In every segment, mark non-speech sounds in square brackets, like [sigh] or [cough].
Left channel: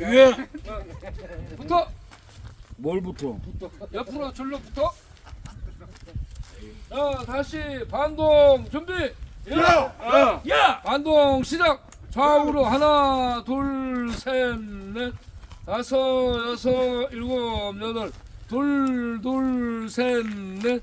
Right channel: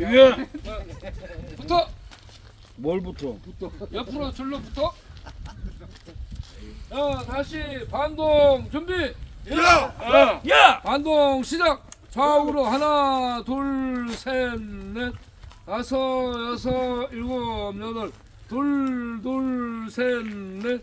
예. 붙어. 뭘부터? 옆으로 줄로 붙어. 자, 다시 반동 준비. 예. 야! 반동 시작. 좌우로 하나, 둘, 셋, 넷, 다섯, 여섯, 일곱, 여덟, 둘, 둘, 셋, 넷,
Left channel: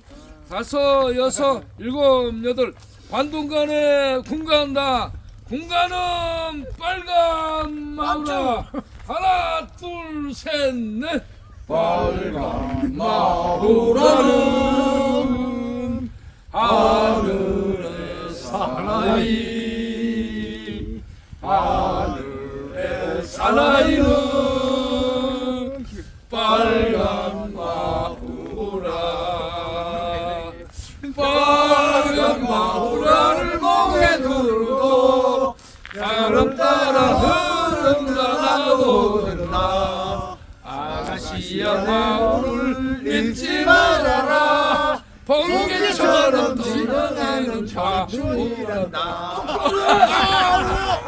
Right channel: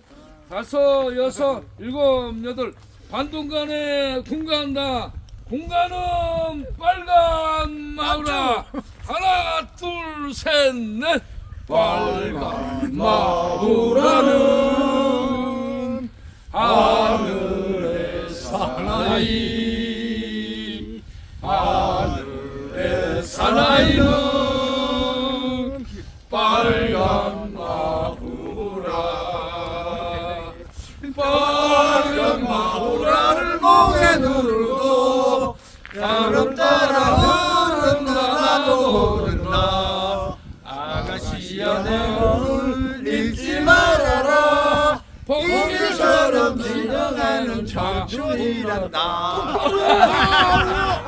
다섯, 여섯, 일곱, 여덟. 반동간에 공간다. 공간은 빨간 마우라. 하나, 둘, 셋, 넷. 빨간 마우라는 하늘의 사나이. 하늘의 사나이는 이란다 [laughs]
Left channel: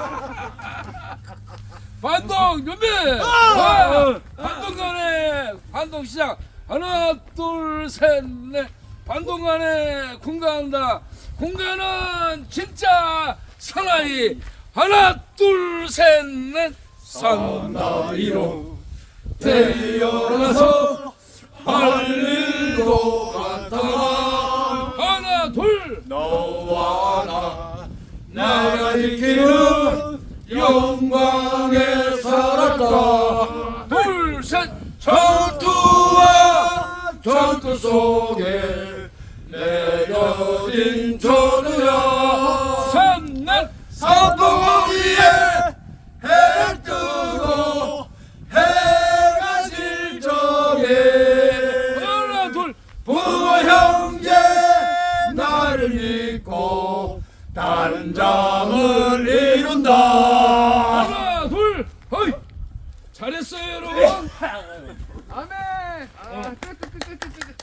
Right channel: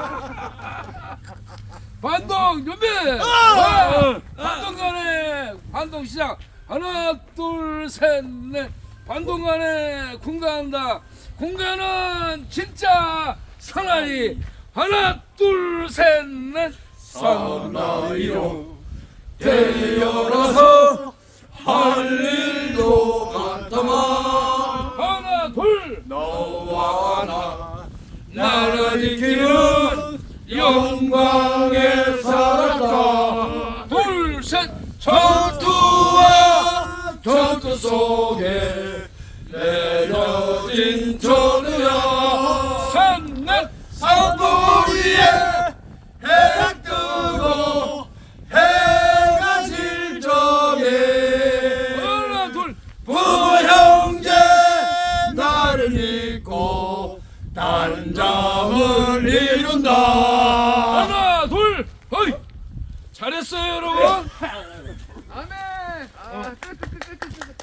반동 준비 반! 반동 간에 반동 시작. 하나 둘 셋 넷. 반동 간에 공간한다. 공간은 진짜 사나이. 하나 둘 셋 넷. 사나이로. 태어나서 나라 지키는 영광의 살았다 둘셋. 전투와 전투 속에 내려진 전우야. 성공 위에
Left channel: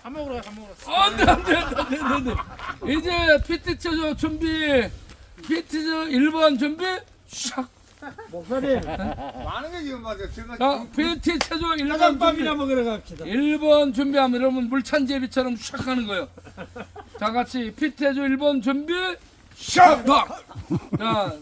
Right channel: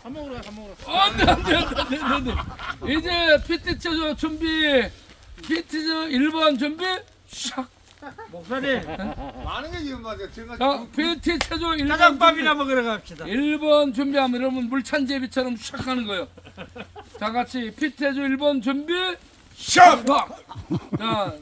안돼 안돼 안돼 안돼 이제 PT 체조 준비 PT 체 1번 준비 샥 많은 게 지금 맞아 제가 자, PT 체조 1번 준비 먹으러 갑시다. 1번 준비하면 여러분 물찬제비처럼 샥 하는 거예요. 자, 같이 피트 해줘 1번 준비 샥! 자,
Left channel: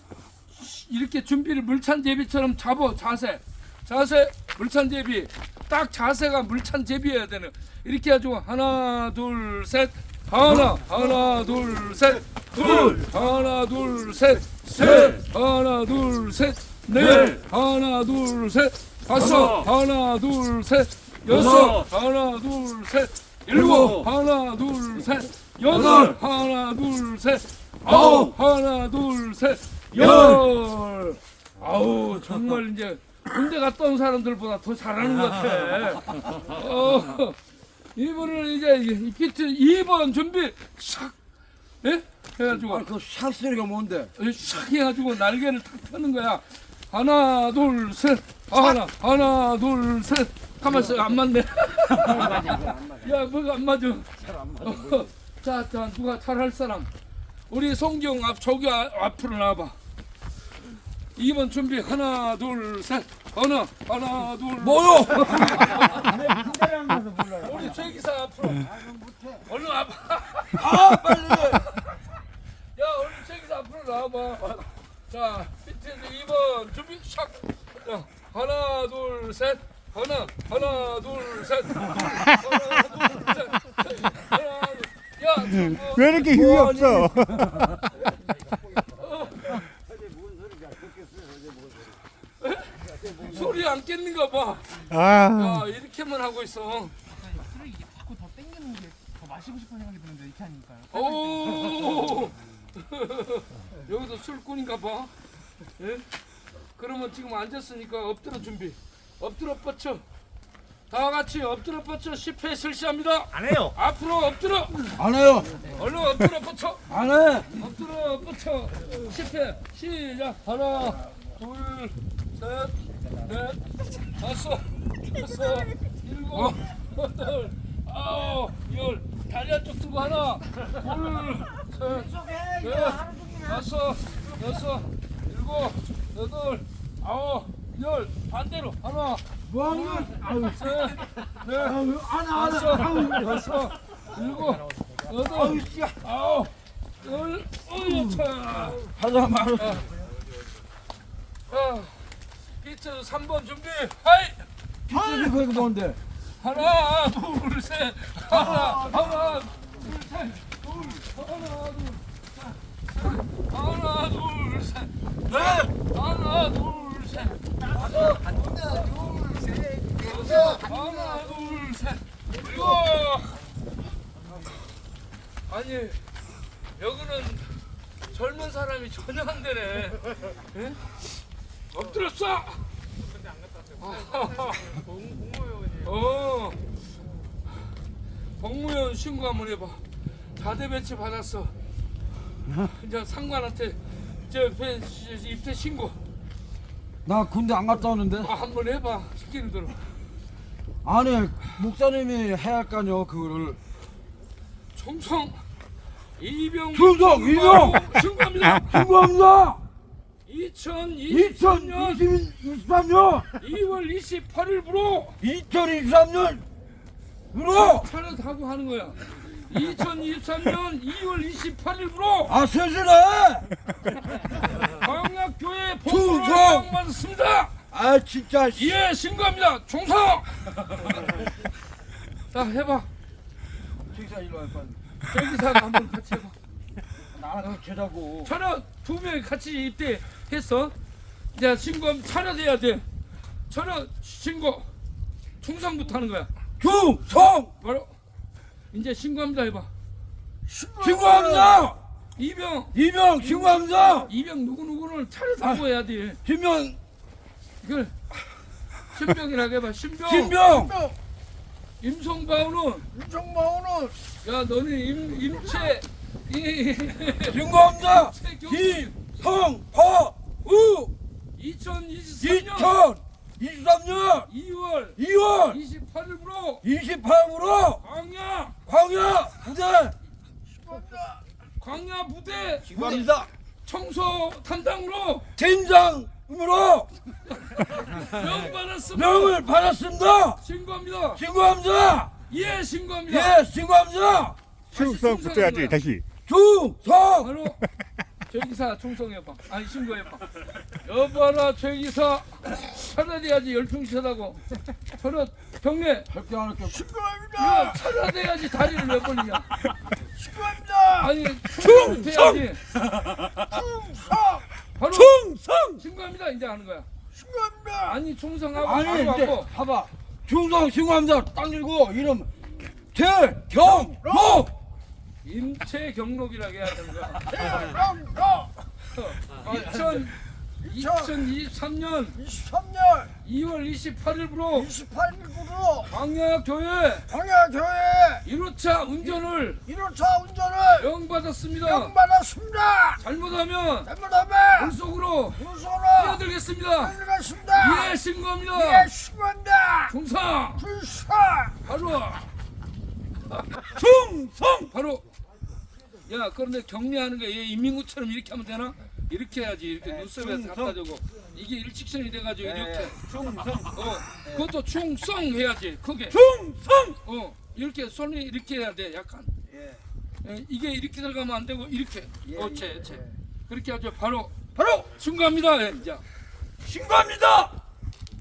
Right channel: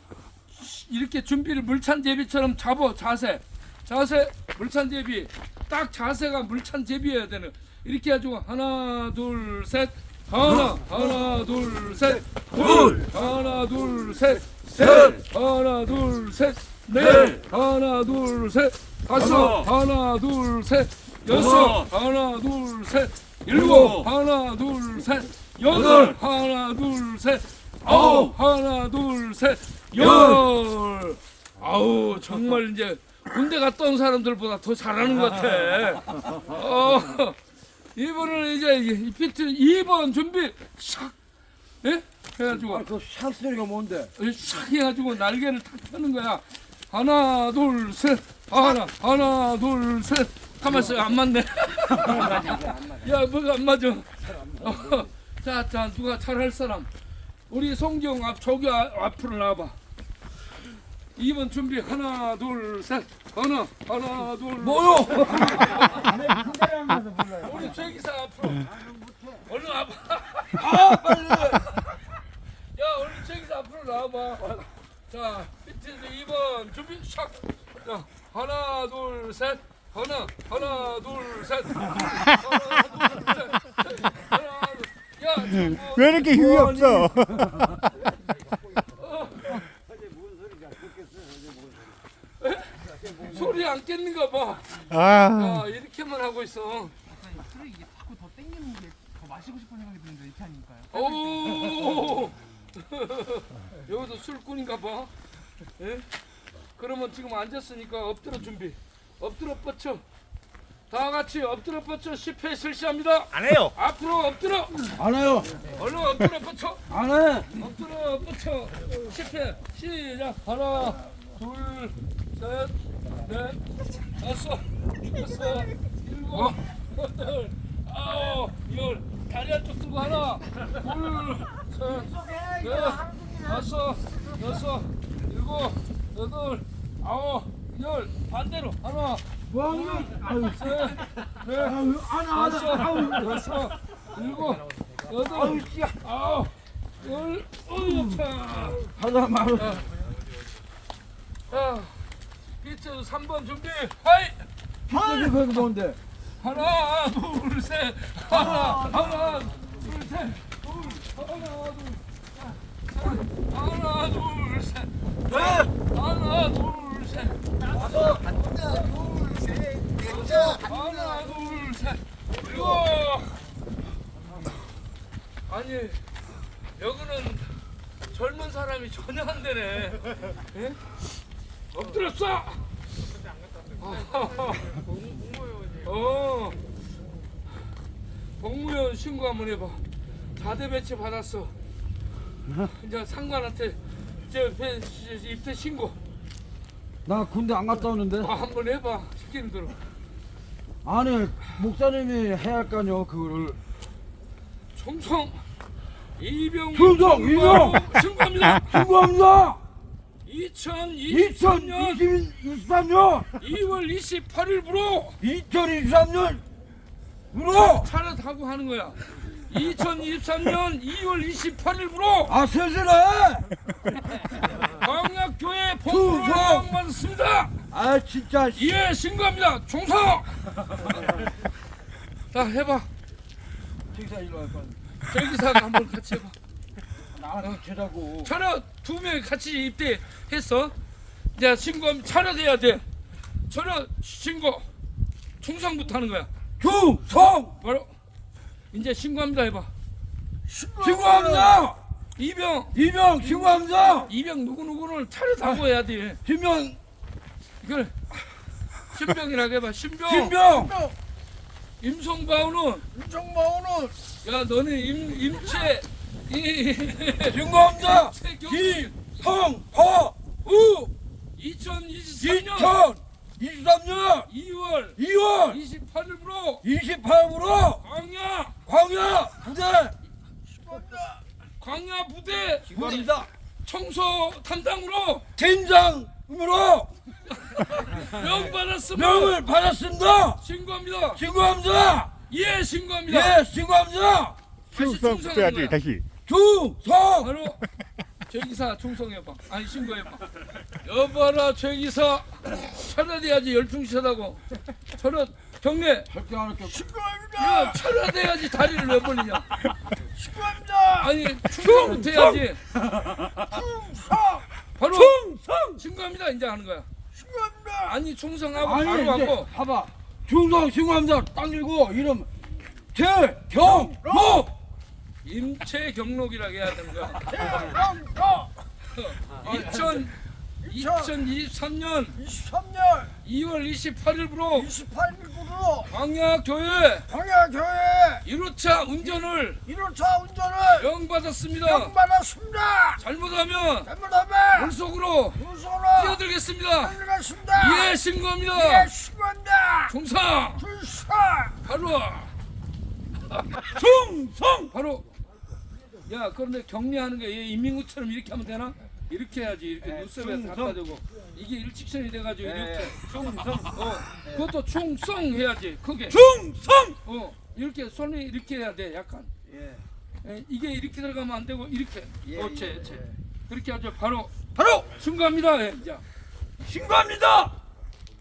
이렇게 준비를 물찬제비처럼 잡어 자세. 자세 물찬제비. 딱 자세가 물찬제비여야 되는. 이렇게 해가지고 하나 둘 셋. 하나 하나 둘 셋. 둘 하나 둘 셋. 셋 하나 둘 셋. 넷 하나 둘 셋. 다섯 하나 둘 셋. 여섯 하나 둘 셋. 일곱 하나 둘 셋. 여덟 하나 둘 셋. 아홉 하나 둘 셋. 열. 아우 정말 이제 군대 온 사람들보다 더 잘하는 것 같아. 어, 이분은 이제 이 피트 2번 준비 샥. 예? 해가지고 그샷 소리가 뭔데? 샥 해가지고 날개를 탁 펴는 거야. 하나 둘 셋. 하나 하나 둘 셋. 가만있어 안 맞네. [laughs] 야 뭐가 안 맞아. 어, [laughs] 자, 자 누가 잘 할 사람. 우리 송경 앞 저기 아- 앞으로 나와봐. 2번 준비 하나 둘 셋. 하나 하나 둘. 뭐요? [laughs] 우리 최기사 앞으로. 얼른 와봐. 아 빨리. 야, 우리 최기사 앞으로 나와봐. 자, 비트에서 2번 준비 샥. 야, 하나, 둘, 셋. 하나, 하나, 둘, 셋. 하나, 둘, 셋. [laughs] 하나, 둘. 야, 왜 이렇게 힘이 없어? [laughs] 소리 안 깼는가 봐. 아, 야, 이렇게만 하고 있어. 자꾸 더 땡기는 게 더 마시고 싶은 생각이 드는데 이렇게 하니까요. 오. [laughs] 여기도 술꾼인가 봐. 예? 그러면 지금 앉았으니까 엎드려 준비. 엎드려 뻗쳐. 다 같이 엎드려 뻗쳐 10회 실시합니다. 안 해요. 앞으로 엎드려. 안 해요. 얼른 엎드려 뻗쳐. 안 해. 엎드려 뻗쳐. 10회 시작. 하나, 둘, 셋, 넷, 다섯, 여섯, 일곱, 여덟, 아홉, 열. 다리 한쪽 들고 하나, 둘, 셋, 넷, 다섯, 여섯, 일곱, 여덟, 아홉, 열 반대로 하나 뭐하냐? 아유, 셋 넷, 아유, 다섯 하나. 아유, 여섯 일곱 여덟 아홉 열 어휴 차 하나 말아. 자, 자, 비트 3번 준비 하이 비싸게 그렇게 좋은데. 하나 둘셋. 하나 하나 둘셋 둘 하나 둘 하나 둘셋. 넷 하나 둘셋. 하나 둘셋. 일곱 아니 여기는 젊은 사람이 전혀 안 되네. 예? 엎드렸어 어 복무원 신고 한번 해봐 다대 배치 받았어 이제 상관한테 저 배- 입대 신고 나 군대 안 갔다 오는데. 아, 한번 해봐 시키는 대로 아니, 목사님이 해야 할거 아니야, 그거를. 총성 이병 충성, 이병! 신고합니다 신고합니다! 2023년 2023년! 2월 28일부로 2023년! 으로! 차례 하고 하는 거야 2023년 2월 28일부로 아, 슬슬해! 광약교회 충성! 복무를 받았습니다 아, 진짜. 씨. 예 신고합니다 총성 자 해봐 기사 일로 와, 빨리. 저기서 한번 같이 해봐 나랑 제자고. 차려 두 명이 같이 입대했어. 이제 신고 차려돼야 돼. 차려 신고 충성부터 하는 거야. 충성! 바로 이제 신고합니다 해봐. 신고합니다! 이병 이명 신고합니다! 이병 누구 누구를 차려다고 해야 돼. 김명, 이걸 신병이라고 해봐. 신병. 김명! 임성바우는 정마오는 야 너는 임 임채 임채 김성화우 2023년 2023년 2월 2월 28일부로 28일부로 광야 광야 부대 광야 부대 신고합니다! 청소 담당으로 팀장으로 명 받았습니다. 명을 받았습니다! 신고합니다. 신고합니다! 예, 신고합니다. 예, 신고합니다! 충성 붙여야지 다시 충성! 바로 최기사 총성해봐. 아니 신고해봐. 여봐라 최기사 차려돼야지 열중시하다고. 차려 경례. 할게 안 할게. 야 차려돼야지 다리를 왜 벌리냐. 축구합니다. 아니 충성부터 해야지. 바로 충성! 신고합니다 이제 하는 거야. 축구합니다. 아니 충성하고 아니 바로 이제 갖고 봐봐 충성 신고합니다 딱 들고 이름 최경록 임채 경록이라고 해야 거야. 대령도 2000 2023년 23년 2월 28일부로 28일부로 광야교회 광야교회 1호차 운전을 1호차 운전을 명받았습니다. 명받았습니다. 잘못하면 잘못하면 물속으로 무소로 뛰어들겠습니다. 들어갔습니다. 예, 신고합니다. 예, 신고한다. 중사 불사. 바로 충성 바로 야 그런데 격리하는 게 인민구처럼 이렇게 하면 되나? 이렇게 해야지. 이렇게 눈썹에 갖다 대고. 이게 일직선이 돼가지고 이렇게. 충성. 어 그것도 충성 해야지 크게. 충성! 어 이렇게 손이 이렇게 해야 돼 약간. 예. 예, 이게 이렇게 들어가면 안 되고 이렇게. 예, 어째 예, 어째 예. 그렇게 하죠. 바로. 바로! 신고합니다 예, 이제. 신고합니다!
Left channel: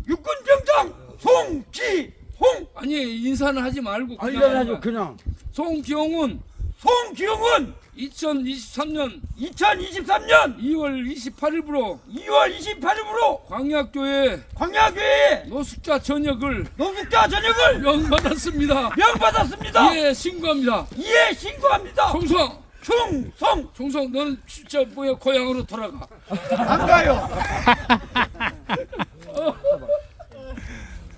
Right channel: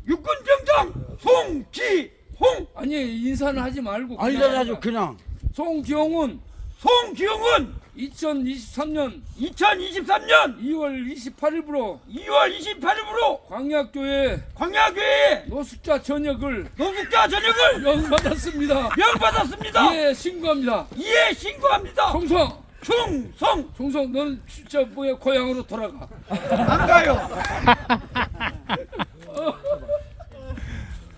육군병장 송기홍! 아니 인사는 하지 말고 그냥 알려야죠 하는 거야. 그냥. 송기홍은 송기홍은 2023년 2023년 2월 28일부로 2월 28일부로 광약교회 광야교회 노숙자 전역을 노숙자 전역을 명받았습니다. 명받았습니다. 예 신고합니다. 예 신고합니다. 총성! 충성! 총성! 너는 진짜 뭐야? 고향으로 돌아가. 안 가요. [laughs]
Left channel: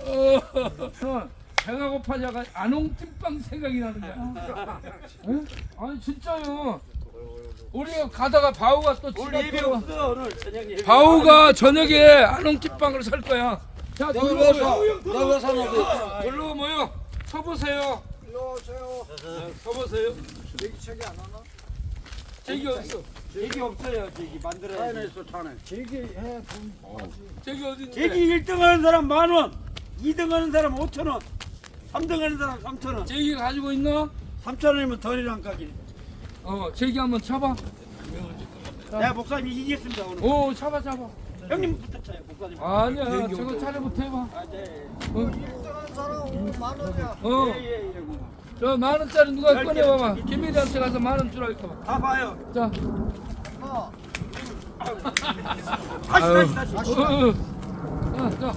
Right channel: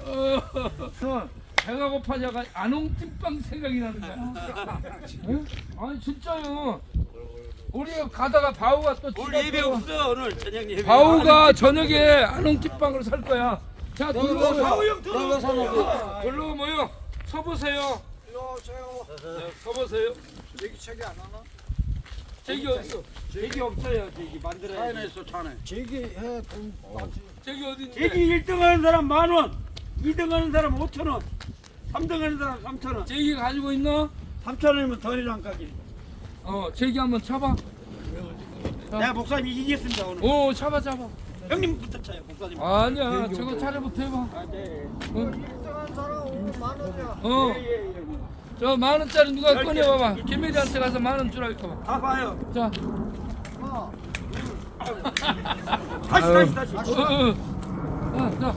어, 배가 고파져가 안홍찐빵 생각이 나는 거야. 응? 아니 진짜요. 우리가 가다가 바우가 또 우리 입에 없어 오늘 저녁에. 바우가 저녁에 안홍찐빵을 살 거야. 자 둘러보세요. 둘러 모여. 서보세요. 자, 서보세요. 여기 책이 안 하나? 제기 없어. 제기 없어요 제기 만들어야 돼 차내 제기 해 저기 어딘데? 제기 1등 하는 사람 만 원, 2등 하는 사람 5천 원, 3등 하는 사람 3천 원. 제기 가지고 있나? 3천 원이면 덜이랑 까지. 어, 제기 한번 쳐봐. 내가 목사님 이기겠습니다 오늘. 오, 쳐봐, 쳐봐. 형님부터 차요 목사님. 아니야, 저거 차례부터 해봐. 아, 네. 어, 어. 예, 예, 예. 저 만 원짜리 누가 열 개. 꺼내봐봐. 김미리한테 가서 만원 주라 할까 봐. 다 봐요. 자, 다시 다시 다시. 어, 어, 어, 자.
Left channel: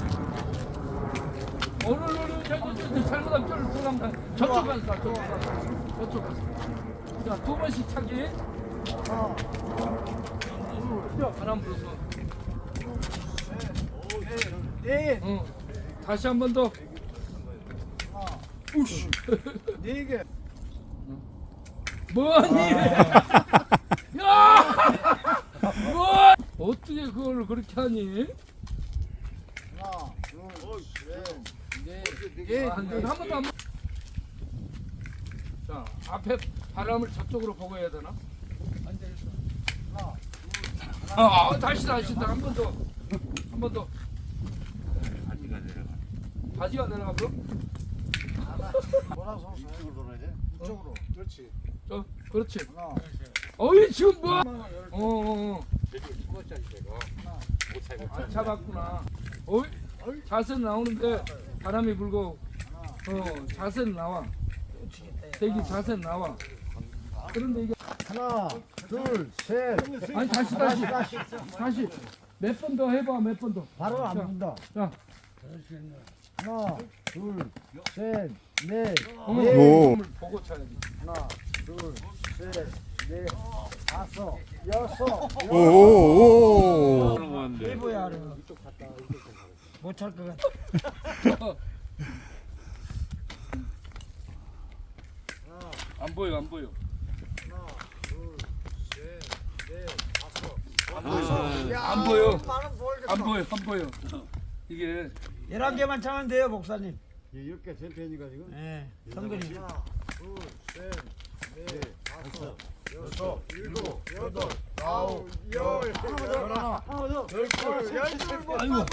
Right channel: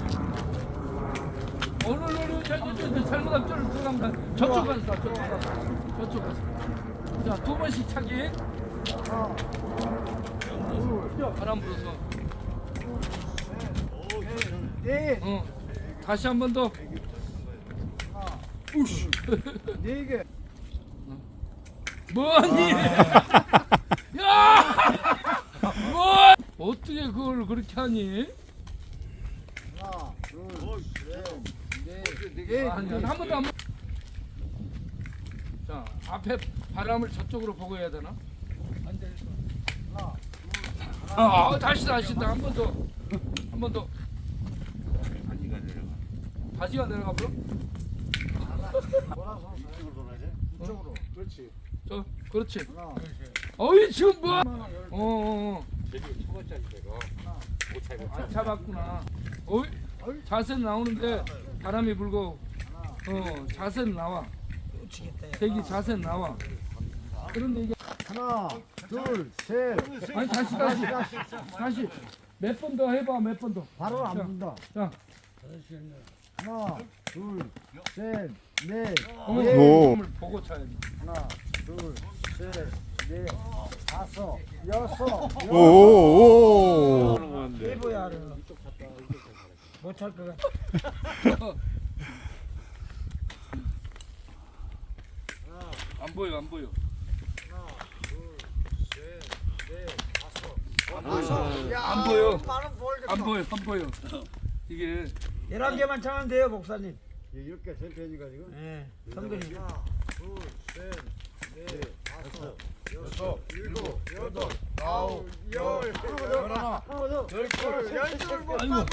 오늘 우리 저기 잘못하면. 네. 응. 다시 한 번 더. 우씨. 네 개. 뭐하니? 야! 뭐? 어떻게 그걸 그렇게 하니? 하나, 둘, 셋, 넷, 네 개. 한 번도 안. 자, 앞에 바람을 저쪽으로 보고 해야 되나? 아, 어, 다시 다시 한 번 더. 한 번 더. 바지가 내려가. 바지가 내려가 버 돌아서 이쪽으로 돌아야 돼. 이쪽으로. 그렇지. 저, 그렇지. 하나, 어이 지금 뭐? 하나. 어, 어, 어. 못 아, 잡았구나. 어이, 자세 나오는데 바람이 불고, 어, 자세 나와. 대기 자세 나와. 그런데 이게 하나, 둘, 셋. 아니 다시 다시 다시 몇 번 더 해봐 몇 번 더. 바로 안 분다. 자, 하나, 둘, 셋, 넷. 어머, 오. 을 보고 쳐야지. 하나, 둘, 셋, 넷, 다섯, 여섯. 오 오 오. 못할 것 같아. 안 보여 안 보여. 안 보여. 야, 안 보여. 나는 보이겠어. 안 보여 안 보여. 이게 11개만 차면 돼요 목사님. 이렇게 센터니까 지금. 예. 선글이. 하나, 둘, 셋, 넷, 다섯, 여섯, 일곱, 여덟, 아홉, 열, 열하나, 열둘, 열둘 못 아이고. 봤나?